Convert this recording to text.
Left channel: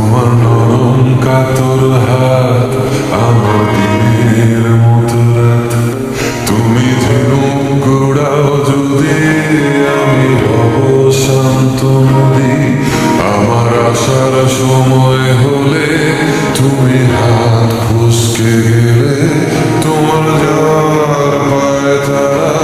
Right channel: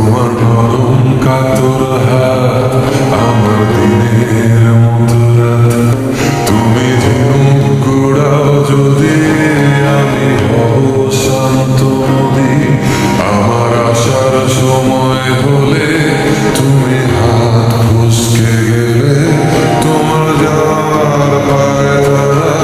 তোমার নরম কাতর হাত আমার দিনের মতো রাত। তুমি ঝিনুক গোড়াও যদি আমি হব শান্ত নদী। আমার আসার সময় হলে তুমি হাত ফসকে গেলে তোমার যাওয়ার পায় তারা